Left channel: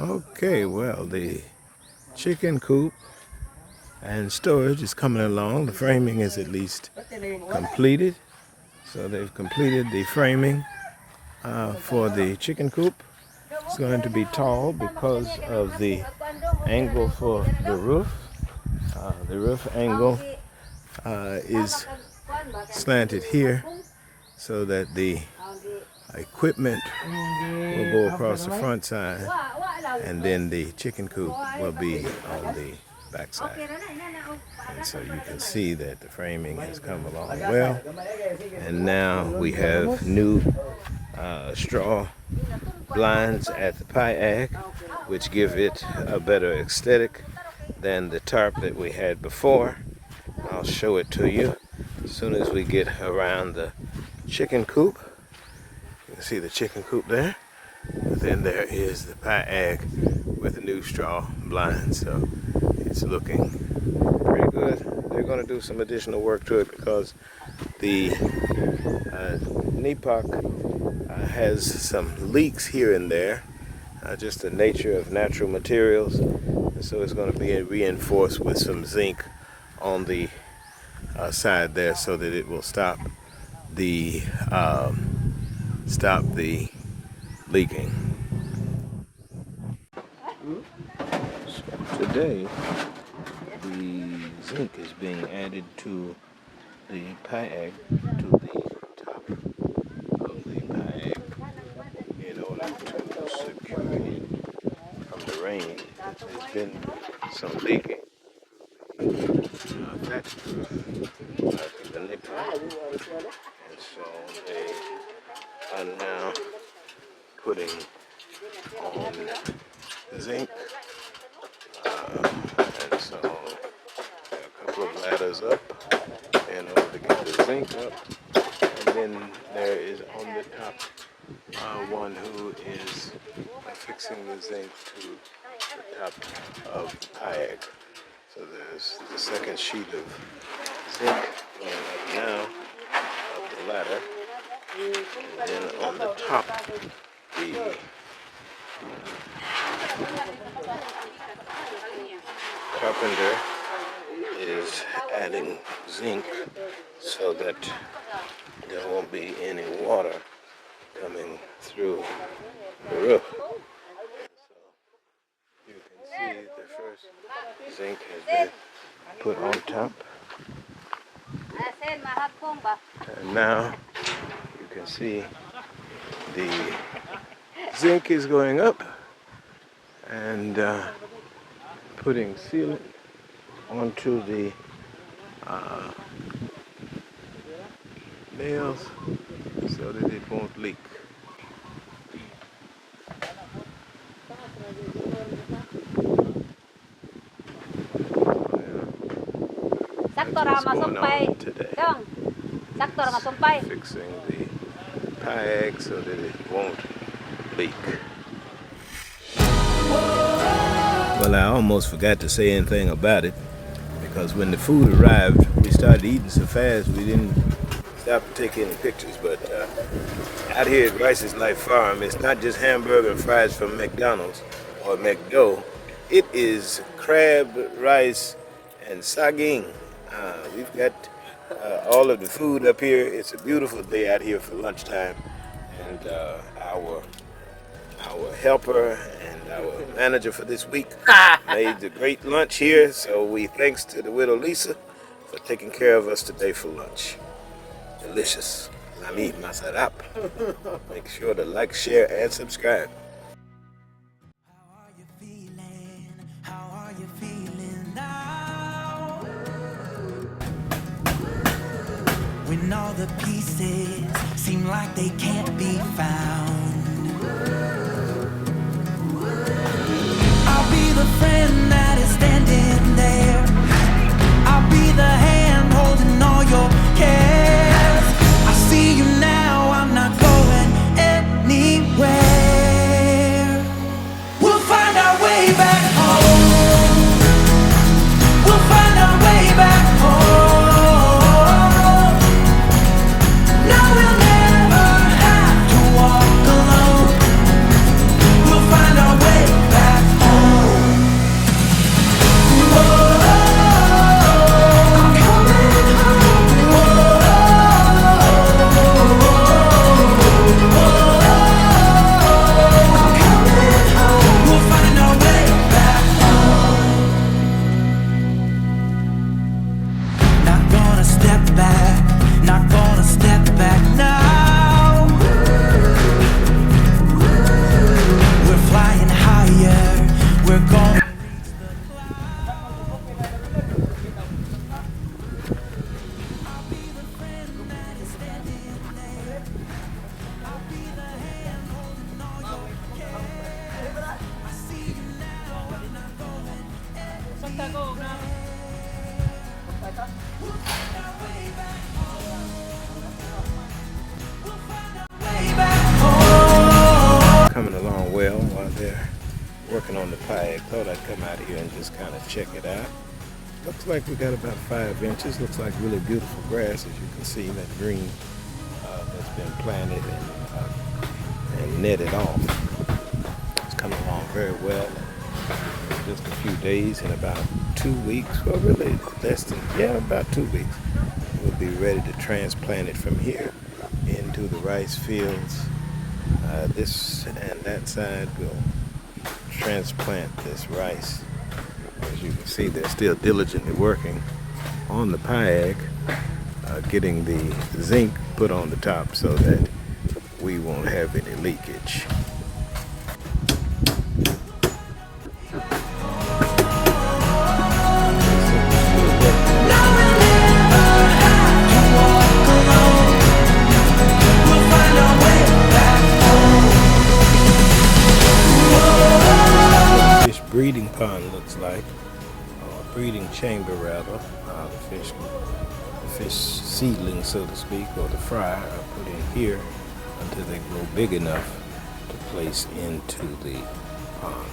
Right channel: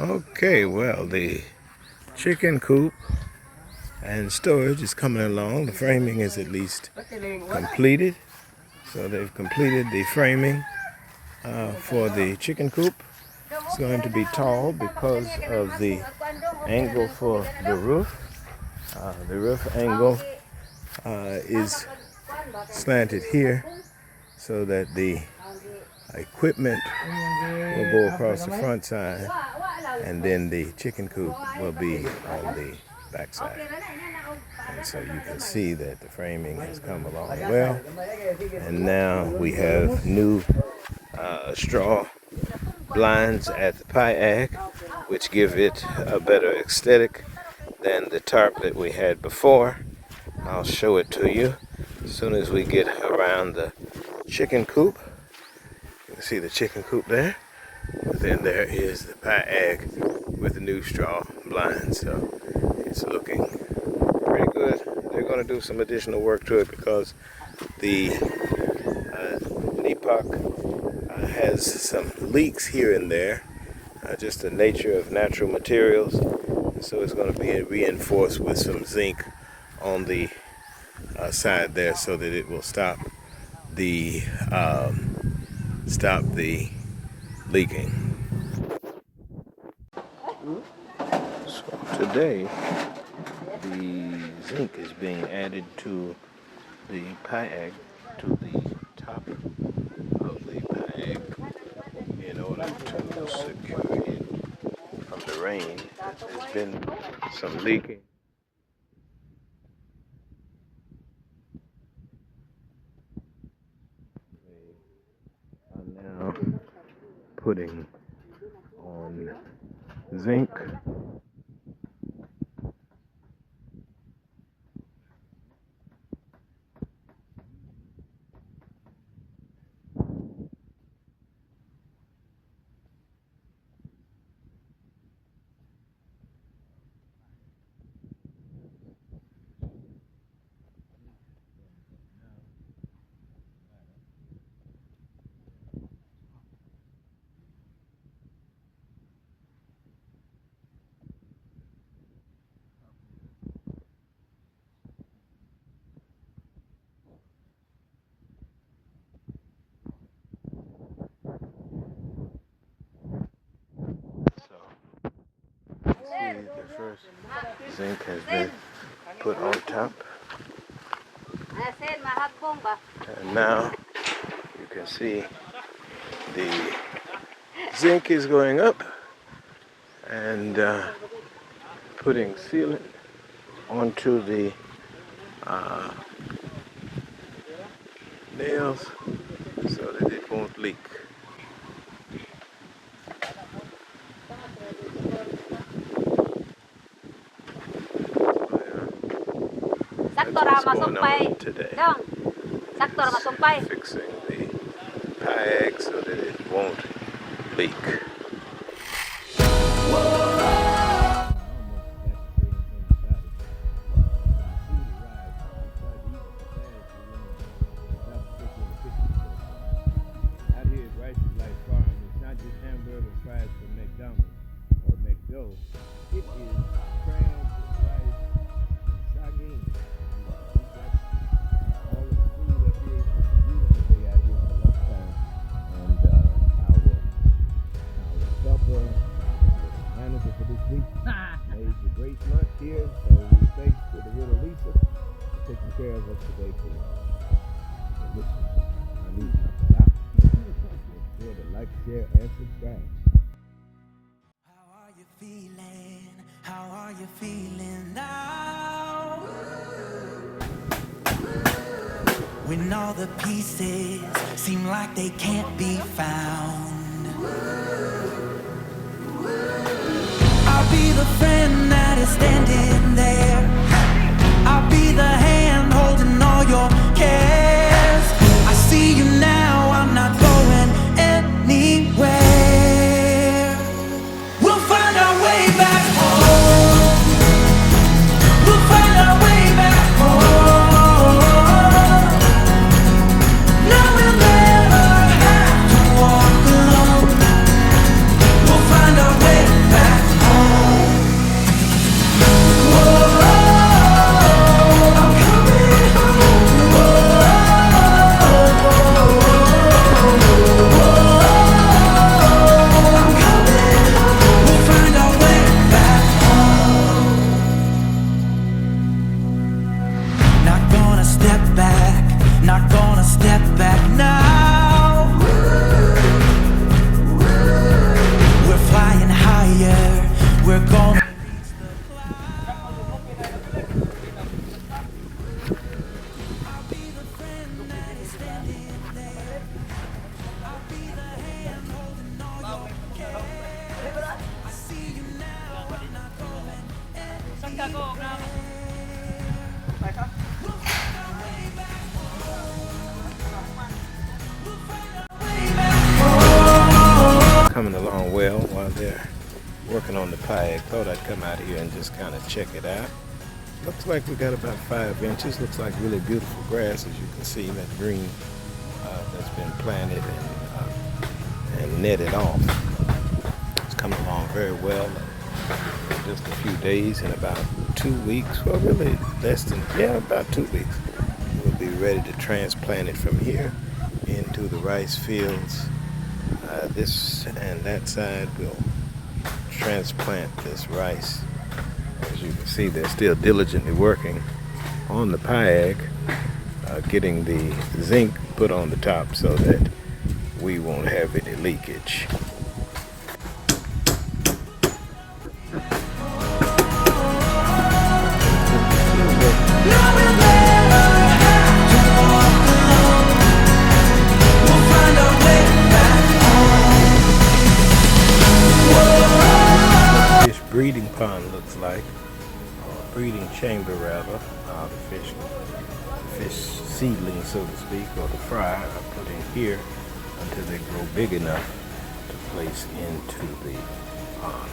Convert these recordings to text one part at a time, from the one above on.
Okay, well, the chicken coop and storage is coming along. The framing is at least completed. So they've completed the framing for the chicken coop. It's going to be tall because of the angle for the roof. The roof angle is slanted here so that the equipment will go across the front side, and then the chicken coop will be on the back side. And so you can see that the framing has come along well, and now we have new straw blinds at the pie which give it a better aesthetic than the tarp that we had before. I'll show it to you as soon as we get around the chicken coop. You can see the chicken coop there. And then there is the pie with the new straw blinds. So it's looking pretty good. They're going to do some additional work to it because the NEPOC has some leaks here and there, just the nature of natural materials. So it's going to be reinforced with some zinc on the side there so that it will stop the leaking. So today the zinc is being added to the pie to the top of the pie in order to secure it from the rain. There's been some leaking. That's the NEPOC. And so they are now putting on zinc. And so a couple of ladders up in order to get the zinc up. And then there is on the top one who is fixing the zinc to the top of the kayak. So there's the second sheet of zinc going up now up the ladder. And then on the top, the carpenter is adding zinc so that there won't be any water coming through the roof. So you can see the first zinc has been put on top, and now you can see the zinc is going up and putting sealant onto the nails so that it won't leak. That's what's going on today. Fixing the pie so that it won't leak. Well, I almost forgot to say anything about it because when the food arrived, we started eating so fast we didn't stop to take any pictures. But out here at Rice's Life Farm, it's not just hamburger and fries from McDonald's or McDo. It is crab, rice, and saging. We've got all of the food up here. It's a beautiful day out here for lunchtime, and our helper and our manager for this week made the great lunch here. So we thanks to the widow Lisa for taking care of us today for lunch. Delicious. Nami masarap. Make sure to like, share, and subscribe. How are you feeling? How are you feeling now? When all the pieces seem like they can't be found, I'll be the friend that is standing there. I'll be the hand holding all your cares. I see you now, I'm not going anywhere. We'll find our way back home. We'll find our way back home. No, we'll never have to walk alone. We'll find our they're working on the pie. I thought I'd come out here and just kind of check it out. Looks like we got about 5 inches. Looks like really beautiful grass, as you can see, that green that's been planted and netted off. It's coming along very well. In just a few days, in about 2 weeks, well, really less than, yeah, about 2 weeks, we'll be ready to transplant it from here into the rice fields. This and that side will transplant this rice. As you can see, they're still diligently working on the piag, getting the zinc put on the top so that we won't have any leakage. Breeding pond looks like, or breeding chamber rather. The fish seedlings, so to speak, or the fry are put in here until they grow big enough to place into the pond.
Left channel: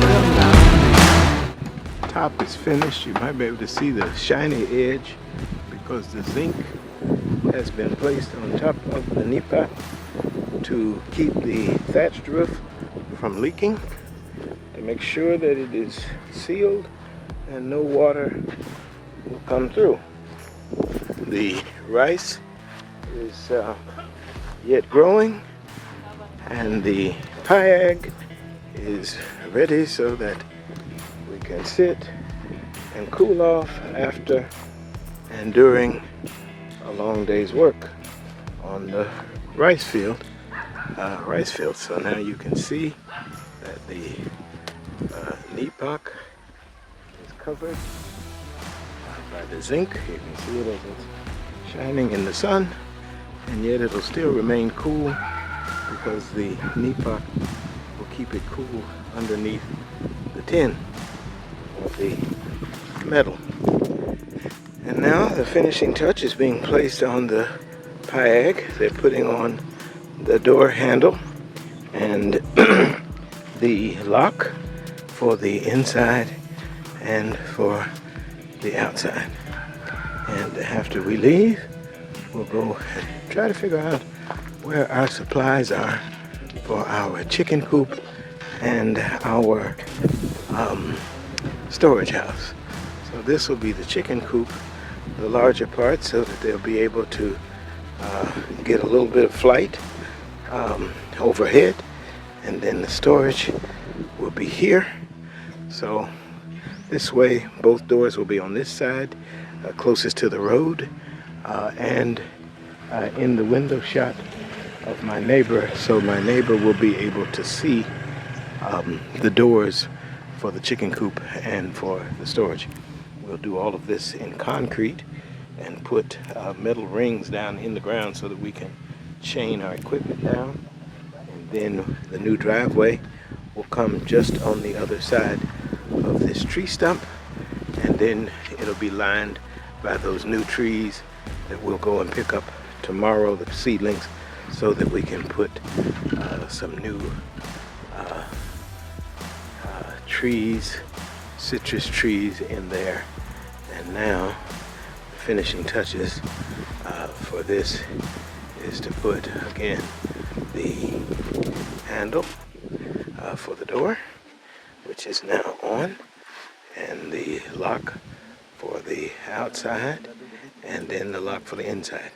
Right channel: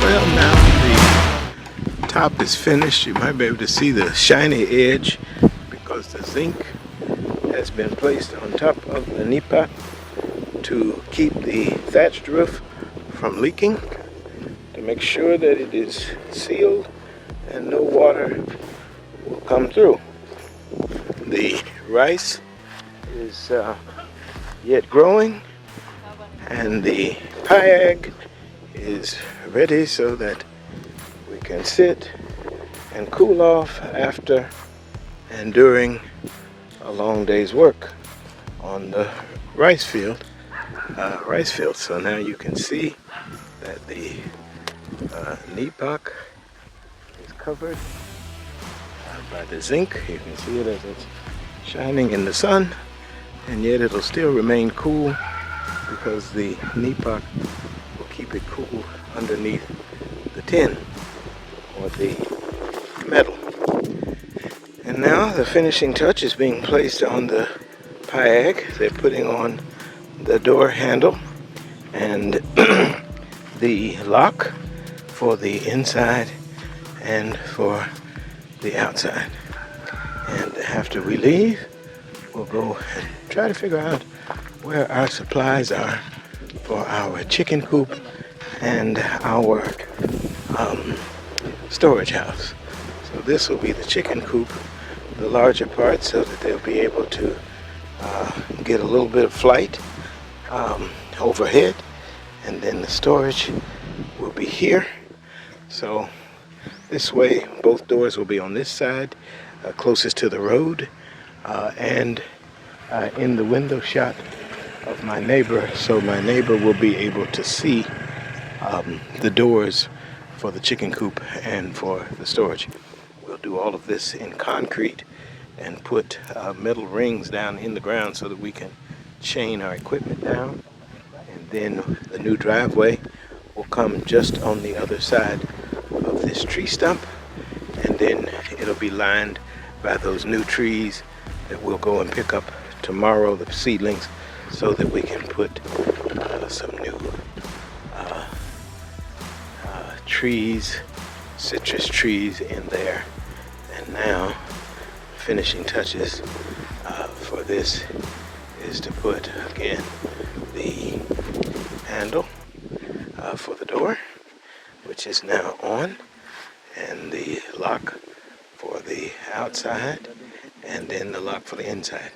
Well, now the top is finished. You might be able to see the shiny edge because the zinc has been placed on top of the nipa to keep the thatched roof from leaking, to make sure that it is sealed and no water will come through. The rice is yet growing, and the piag is ready so that we can sit and cool off after and during a long day's work on the rice field. So now you can see that the nipak is covered by the zinc. You can see it as it's shining in the sun, and yet it'll still remain cool because the nipak will keep it cool underneath the tin or the metal. And now the finishing touch is being placed on the piag. They're putting on the door handle and the lock for the inside and for the outside. And after we leave, we'll go and try to figure out where our supplies are for our chicken coop and our storage house. So this will be the chicken coop, the larger part, so that they'll be able to get a little bit of flight overhead, and then the storage will be here. So this way both doors will be on this side, closest to the road, and in the window shot of my neighbor, so my neighbor will be able to see the doors for the chicken coop and for the storage. We'll do all of this in concrete and put metal rings down in the ground so that we can chain our equipment down. And then the new driveway will come just on the other side of this tree stump, and then it'll be lined by those new trees that we'll go and pick up tomorrow, the seedlings, so that we can put some new trees, citrus trees in there. And now finishing touches for this is to put again the handle for the door, which is now on, and the lock for the outside, and then the lock for the inside.